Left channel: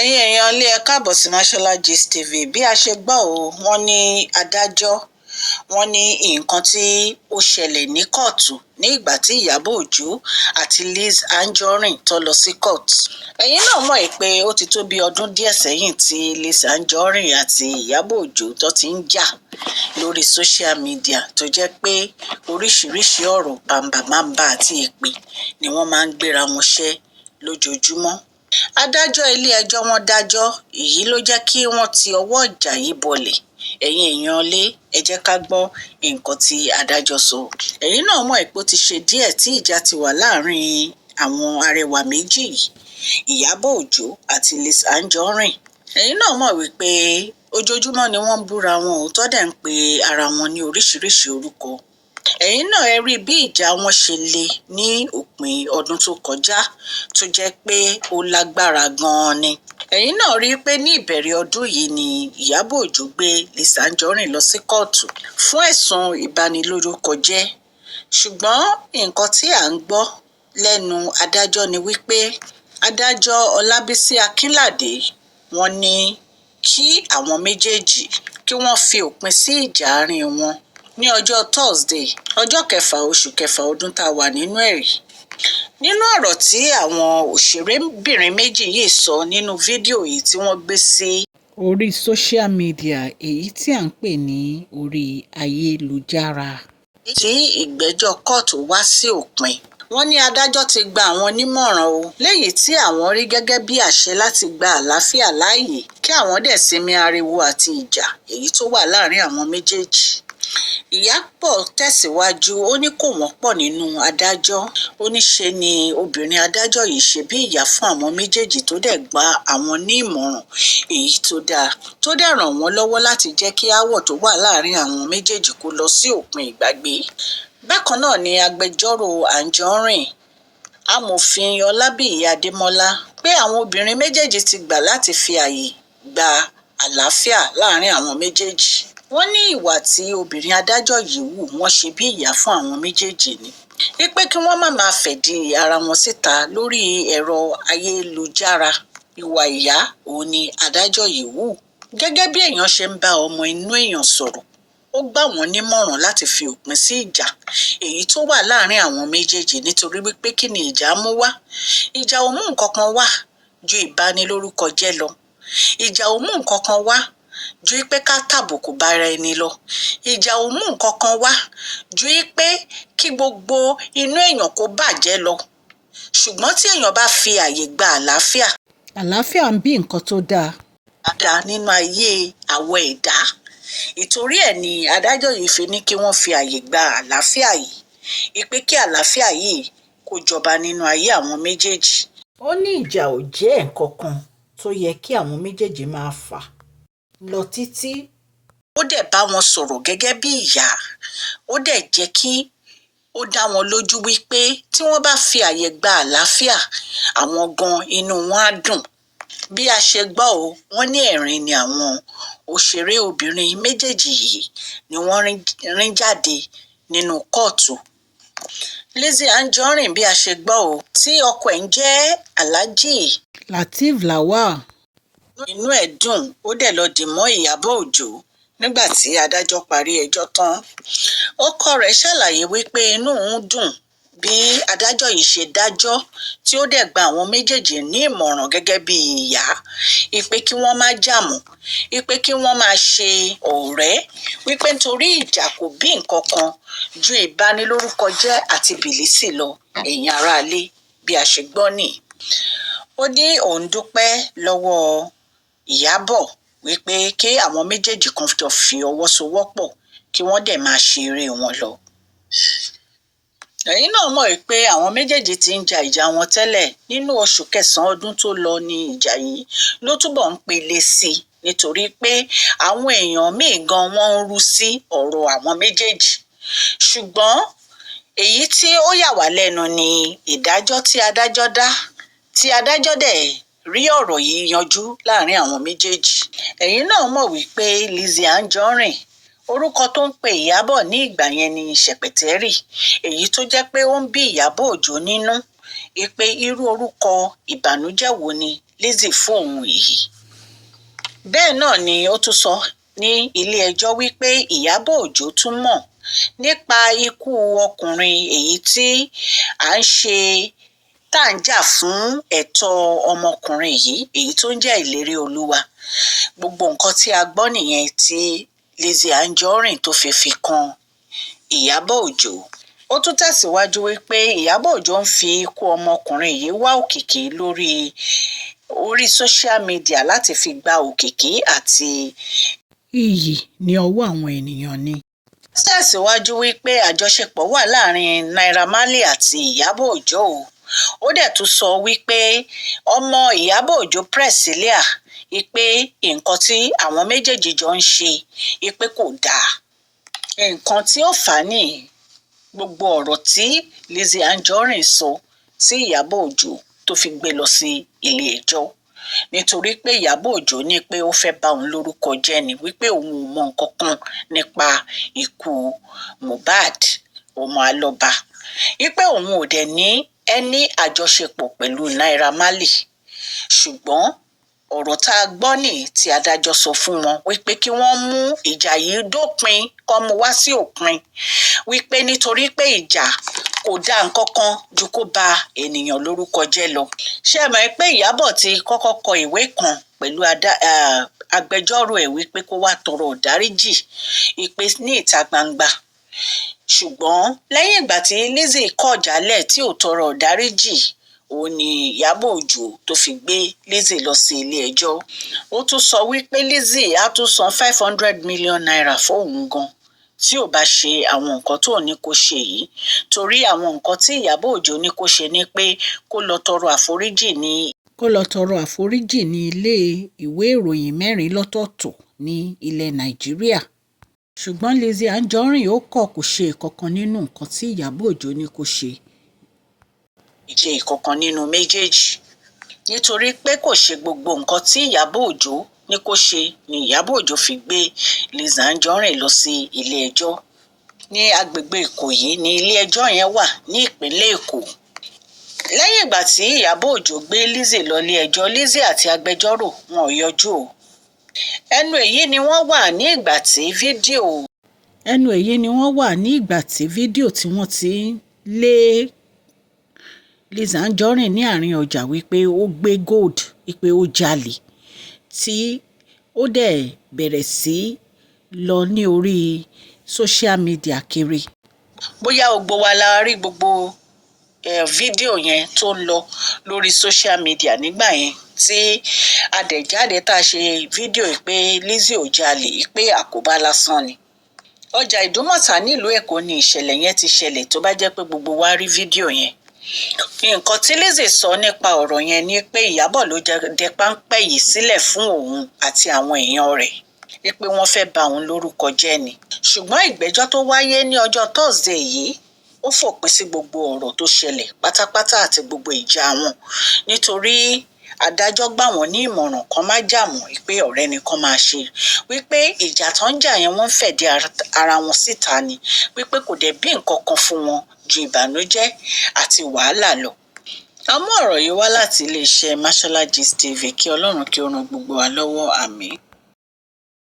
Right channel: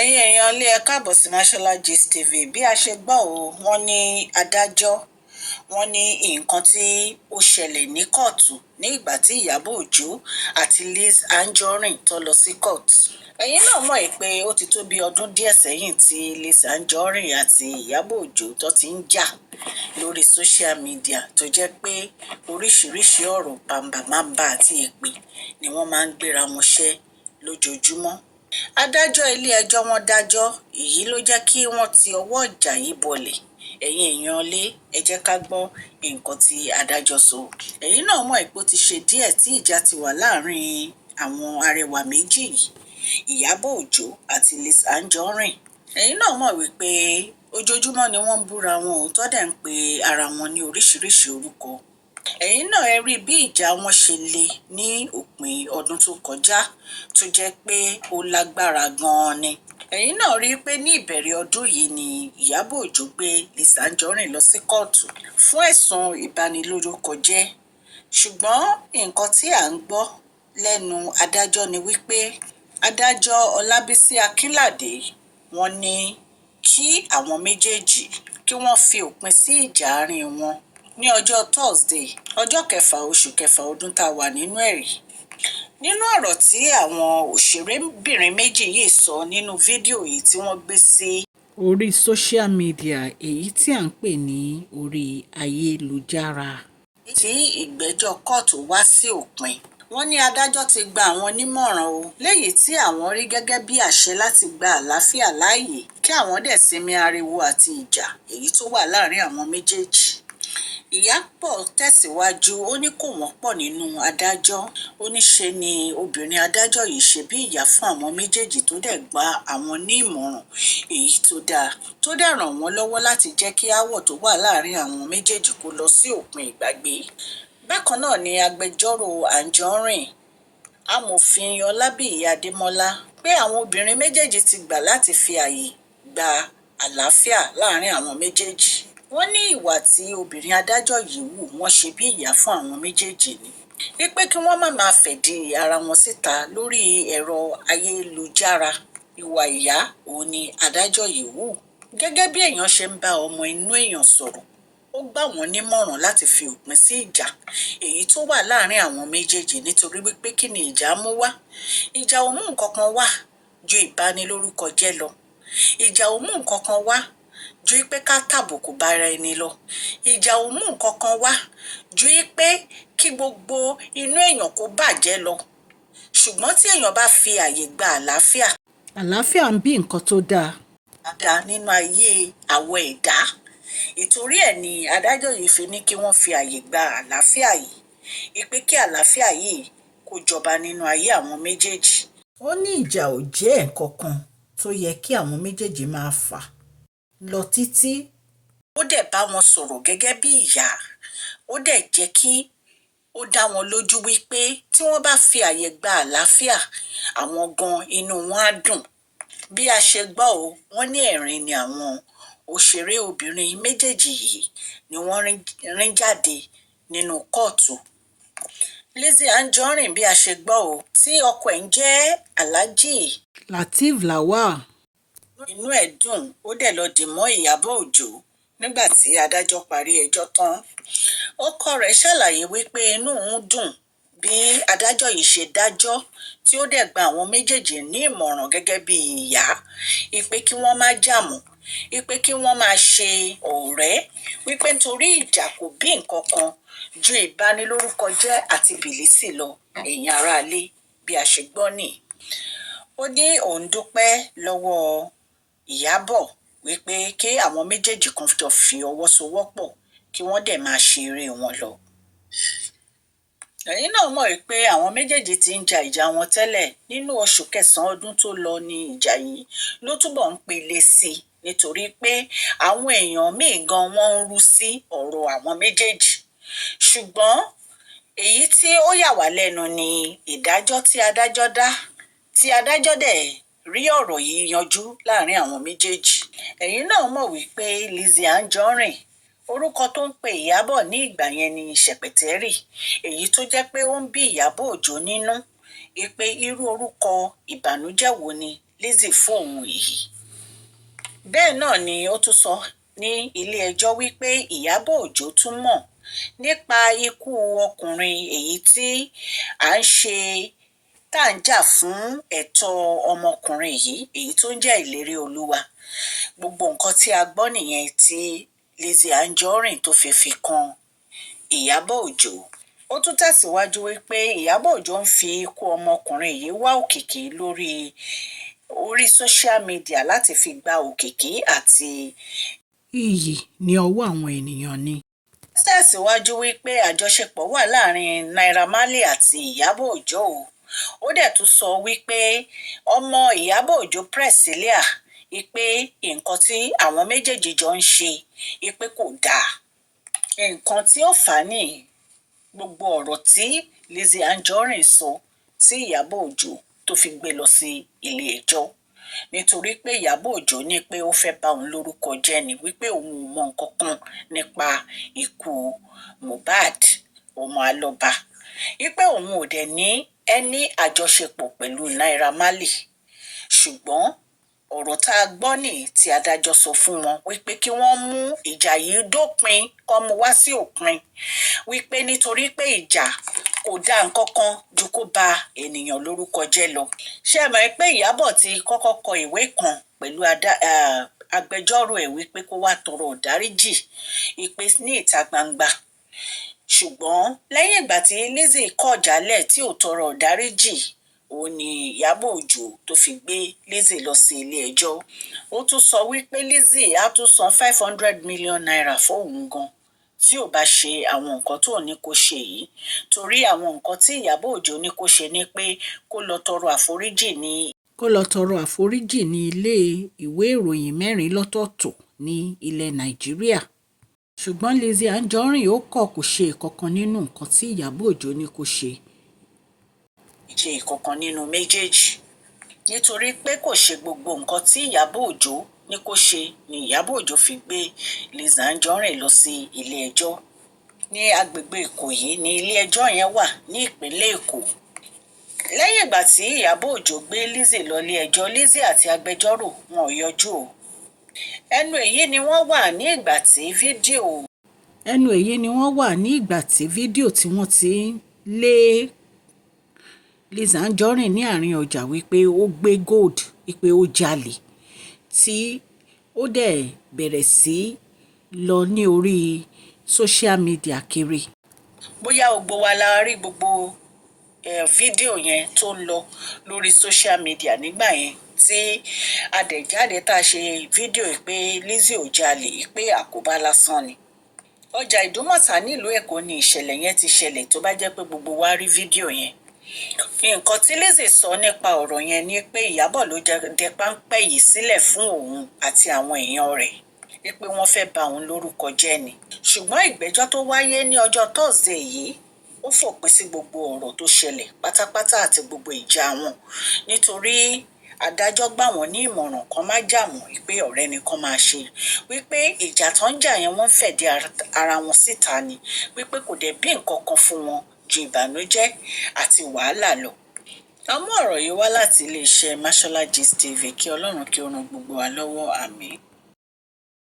ẹ̀yin èèyàn ilé ẹ káàbọ̀ sí Mashola Gist TV. Bí a ṣe gbọ́ wọ́n ní adájọ́ wọ́n ní nǹkan tí ó ṣẹlẹ̀ ní kóòtù ní ìgbà tí Ìyábọ̀ Òjó àti Lizzy Anjorin tó lọ sí kóòtù. ẹ̀yin náà mọ̀ pé ó ti tó bí ọdún díẹ̀ sẹ́yìn tí Lizzy Anjorin àti Ìyábọ̀ Òjó tó ti ń jà lórí social media tó jẹ́ pé oríṣiríṣi ọ̀rọ̀ bàǹbàǹbà àti èpè ni wọ́n máa ń gbéra wọn ṣẹ́ lójoojúmọ́. adájọ́ ilé-ẹjọ́ wọn dájọ́ èyí ló jẹ́ kí wọ́n ti ọwọ́ ìjà yìí bọlẹ̀. ẹ̀yin èèyàn lé ẹ jẹ́ ká gbọ́ nǹkan tí adájọ́ sọ. ẹ̀yin náà mọ̀ pé ó ti ṣe díẹ̀ tí ìjà ti wà láàrin àwọn arẹwà méjì yìí, Ìyábọ̀ Òjó àti Lizzy Anjorin. ẹ̀yin náà mọ̀ wípé ojoojúmọ́ ni wọ́n ń búra wọn ò tọ́ dẹ̀ ń pe ara wọn ní oríṣiríṣi orúkọ. ẹ̀yin náà ẹ rí bí ìjà wọn ṣe le ní òpin ọdún tó kọjá tó jẹ́ pé ó lágbára gan-an ni. ẹ̀yin náà rí i pé ní ìbẹ̀rẹ̀ ọdún yìí ni Ìyábọ̀ Òjó gbé Lizzy Anjorin lọ sí kóòtù fún ẹ̀sùn ìbanilórúkọjẹ́. ṣùgbọ́n nǹkan tí à ń gbọ́ lẹ́nu adájọ́ ni wípé adájọ́ Ọlábísí Akínládé wọ́n ní kí àwọn méjèèjì kí wọ́n fi òpin sí ìjà àárín wọn ní ọjọ́ Thursday ọjọ́ 6 oṣù kẹfà ọdún tá a wà nínú ẹ̀rí. nínú ọ̀rọ̀ tí àwọn òṣèrébìnrin méjì yìí sọ nínú fídíò yìí tí wọ́n gbé sí orí social media èyí tí à ń pè ní orí ayélujára, tí ìgbẹ́jọ́ kóòtù wá sí òpin, wọ́n ní adájọ́ ti gba àwọn nímọ̀ràn léyìí tí àwọn rí gẹ́gẹ́ bí àṣẹ láti gba àlàáfíà láàyè kí àwọn dẹ̀ sinmi ariwo àti ìjà èyí tó wà láàrin àwọn méjèèjì. Ìyábọ̀ tẹ̀síwájú ó ní kò wọ́pọ̀ nínú adájọ́, ó ní ṣe ni obìnrin adájọ́ yìí ṣe bí ìyá fún àwọn méjèèjì tó dẹ̀ gba àwọn ní ìmọ̀ràn èyí tó dáa tó dẹ̀ ràn wọ́n lọ́wọ́ láti jẹ́ kí aáwọ̀ tó wà láàrin àwọn méjèèjì kó lọ sí òpin ìgbàgbé. bákan náà ni agbẹjọ́rò Anjorin amòfin Ọlábíyí Adémọ́lá pé àwọn obìnrin méjèèjì ti gbà láti fi ààyè gba àlàáfíà láàrin àwọn méjèèjì. wọ́n ní ìwà tí obìnrin adájọ́ yìí wù wọ́n ṣe bí ìyá fún àwọn méjèèjì ni wípé kí wọ́n má máa fẹ̀dí ara wọn síta lórí ẹ̀rọ ayélujára. ìwà ìyá òun ni adájọ́ yìí wù. gẹ́gẹ́ bí èèyàn ṣe ń bá ọmọ inú èèyàn sọ̀rọ̀, ó gbà wọ́n nímọ̀ràn láti fi òpin sí ìjà èyí tó wà láàrin àwọn méjèèjì nítorí wípé kí ni ìjà mú wá? ìjà ò mú nǹkan kan wá ju ìbanilórúkọ jẹ́ lọ. ìjà ò mú nǹkan kan wá ju pé ká tàbùkù bára ẹni lọ. ìjà ò mú nǹkan kan wá ju pé kí gbogbo inú èèyàn kó bàjẹ́ lọ. ṣùgbọ́n tí èèyàn bá fi àyè gba àlàáfíà. àlàáfíà ń bí nǹkan tó dáa nínú ayé àwọ̀ ẹ̀dá. ìtorí ẹ̀ ni adájọ́ yìí fi ní kí wọ́n fi àyè gba àlàáfíà yìí, ìpè kí àlàáfíà yìí kó jọba nínú ayé àwọn méjèèjì. ó ní ìjà ò jẹ́ nǹkan kan tó yẹ kí àwọn méjèèjì máa fà lọ títí. ó dẹ̀ bá wọn sọ̀rọ̀ gẹ́gẹ́ bí ìyá, ó dẹ̀ jẹ́ kí ó dá wọn lójú wípé tí wọ́n bá fi àyè gba àlàáfíà àwọn gan inú wọn á dùn. bí a ṣe gbọ́ wọ́n ní ẹ̀rín ni àwọn òṣèré obìnrin méjèèjì yìí ni wọ́n rín jáde nínú kóòtù. Lizzy Anjorin bí a ṣe gbọ́ tí ọkọ ẹ̀ ń jẹ́ Alhaji Lateef Lawal, inú ẹ̀ dùn ó dẹ̀ lọ dì mọ́ Ìyábọ̀ Òjó nígbà tí adájọ́ parí ẹjọ́ tán. ọkọ rẹ̀ ṣàlàyé wípé inú òun dùn bí adájọ́ yìí ṣe dájọ́ tí ó dẹ̀ gba àwọn méjèèjì ní ìmọ̀ràn gẹ́gẹ́ bí ìyá, ìpè kí wọ́n má jà mọ́, ìpè kí wọ́n máa ṣe ọ̀rẹ́, wípé nítorí ìjà kò bí nǹkan kan ju ìbanilórúkọjẹ́ àti bìlísì lọ. ẹ̀yin aráalé bí a ṣe gbọ́ nìyí. ó ní òun dúpẹ́ lọ́wọ́ Ìyábọ̀ wípé kí àwọn méjèèjì kan jọ fi ọwọ́ sowọ́pọ̀ kí wọ́n dẹ̀ máa ṣe eré wọn lọ. ẹ̀yin náà mọ̀ pé àwọn méjèèjì ti ń ja ìjà wọn tẹ́lẹ̀. nínú oṣù kẹsàn-án ọdún tó lọ ní ìjà yìí ló túbọ̀ ń pele sí i nítorí pé àwọn èèyàn míì gan wọ́n ń rú sí ọ̀rọ̀ àwọn méjèèjì. ṣùgbọ́n èyí tí ó yà wá lẹ́nu ni ìdájọ́ tí adájọ́ dá, tí adájọ́ dẹ̀ rí ọ̀rọ̀ yìí yanjú láàrin àwọn méjèèjì. ẹ̀yin náà mọ̀ wípé Lizzy Anjorin orúkọ tó ń pe Ìyábọ̀ ní ìgbà yẹn ni Ṣẹ̀pẹ̀tẹ́rì, èyí tó jẹ́ pé ó ń bí Ìyábọ̀ Òjó nínú pé irú orúkọ ìbànújẹ́ wo ni Lizzy fún òun yìí. Bẹ́ẹ̀ náà ni ó tún sọ ní ilé-ẹjọ́ wípé Ìyábọ̀ Òjó tún mọ̀ nípa ikú ọkùnrin èyí tí à ń ṣe tá à ń jà fún ẹ̀tọ́ ọmọkùnrin yìí èyí tó ń jẹ́ Ìlérí Olúwa. Gbogbo nǹkan tí a gbọ́ nìyẹn tí Lizzy Anjorin tó fi kan Ìyábọ̀ Òjó. Ó tún tẹ̀síwájú wípé Ìyábọ̀ Òjó ń fi ikú ọmọkùnrin yìí wá òkìkí orí social media láti fi gba òkìkí àti iyì ní ọwọ́ àwọn ènìyàn ni. Ó tẹ̀síwájú wípé àjọṣepọ̀ wà láàrin Naira Marley àti Ìyábọ̀ Òjó. Ó dẹ̀ tún sọ wípé ọmọ Ìyábọ̀ Òjó Priscilla ipe nǹkan tí àwọn méjèèjì jọ ń ṣe ipe kò dáa. Nǹkan tí ó fà á ní gbogbo ọ̀rọ̀ tí Lizzy Anjorin sọ sí Ìyábọ̀ Òjó tó fi gbé lọ sí ilé ẹjọ́ nítorí pé Ìyábọ̀ Òjó ní pé ó fẹ́ bà òun lórúkọ jẹ́ ni wípé òun ò mọ nǹkan kan nípa ikú Mohbad ọmọ Alọ́ba wípé òun ò dẹ̀ ní ẹni àjọṣepọ̀ pẹ̀lú Naira Marley. Ṣùgbọ́n ọ̀rọ̀ tá a gbọ́ nì tí adájọ́ sọ fún wọn wípé kí wọ́n mú ìjà yìí dópin kó mú wá sí òpin wípé nítorí pé ìjà kò dá nǹkan kan ju kó ba ènìyàn lórúkọ jẹ́ lọ. Ṣé ẹ mọ̀ pé Ìyábọ̀ ti kọ́kọ́ kọ ìwé kan pẹ̀lú agbẹjọ́rò ẹ̀ wípé kó wá tọrọ ìdáríjì ìpè ní ìta gbangba. Ṣùgbọ́n lẹ́yìn ìgbà tí Lizzy kọ̀ jálẹ̀ tí ò tọrọ ìdáríjì òun ni Ìyábọ̀ Òjó tó fi gbé Lizzy lọ sí ilé ẹjọ́. Ó tún sọ wípé Lizzy á tún san 500 million naira fóun gan tí ò bá ṣe àwọn nǹkan tó ní kó ṣe yìí torí àwọn nǹkan tí Ìyábọ̀ Òjó ní kó ṣe ni pé kó lọ tọrọ àforíjì ní ilé ìwé ìròyìn 4 lọ́tọ̀ọ̀tọ̀ ní ilẹ̀ Nàìjíríà. Ṣùgbọ́n Lizzy Anjorin ó kọ̀ kò ṣe ìkankan nínú nǹkan tí Ìyábọ̀ Òjó ní kó ṣe. Ìṣe ìkankan nínú méjèèjì nítorí pé kò ṣe gbogbo nǹkan tí Ìyábọ̀ Òjó ní kó ṣe ni Ìyábọ̀ Òjó fi gbé Lizzy Anjorin lọ sí ilé ẹjọ́ ní agbègbè Ìkòyí ní ilé ẹjọ́ yẹn wà ní ìpínlẹ̀ Èkó. Lẹ́yìn ìgbà tí Ìyábọ̀ Òjó gbé Lizzy lọ ilé ẹjọ́, Lizzy àti agbẹjọ́rò wọn ò yọjú o. Ẹnu èyí ni wọ́n wà ní ìgbà tí fídíò tí wọ́n ti lé Lizzy Anjorin ní àárín ọjà wípé ó gbé gold wípé ó jalè tí ó dẹ̀ bẹ̀rẹ̀ sí lọ ní orí social media kiri. Bóyá gbogbo wa la rí gbogbo fídíò yẹn tó ń lọ lórí social media nígbà yẹn tí adẹ̀jáde tá a ṣe fídíò pé Lizzy ò jalè pé àkóbá lásán ni. Ọjà Ìdúmọ̀tà nílùú Èkó ni ìṣẹ̀lẹ̀ yẹn ti ṣẹlẹ̀ tó bá jẹ́ pé gbogbo wa rí fídíò yẹn. Nǹkan tí Lizzy sọ nípa ọ̀rọ̀ yẹn ni pé Ìyábọ̀ ló dẹ páńpẹ́ yìí sílẹ̀ fún òun àti àwọn èèyàn rẹ̀ wípé wọ́n fẹ́ bà òun lórúkọ jẹ́ ni. Ṣùgbọ́n ìgbẹ́jọ́ tó wáyé ní ọjọ́ Thursday yìí ó fòpin sí gbogbo ọ̀rọ̀ tó ṣẹlẹ̀ pátápátá àti gbogbo ìjà wọn nítorí adájọ́ gbà wọ́n ní ìmọ̀ràn kan má jà mọ́ wípé ọ̀rẹ́ ni kán máa ṣe wípé ìjà tó ń jà yẹn wọ́n ń fẹ̀dí ara wọn síta ni wípé kò dẹ̀ bí nǹkan kan fún wọn ju ìbànújẹ́ àti wàhálà lọ. A mú ọ̀rọ̀ yìí wá láti iléeṣẹ́ Mashola Gist TV kí Ọlọ́run kí ó ran gbogbo wa lọ́wọ́. Àmín.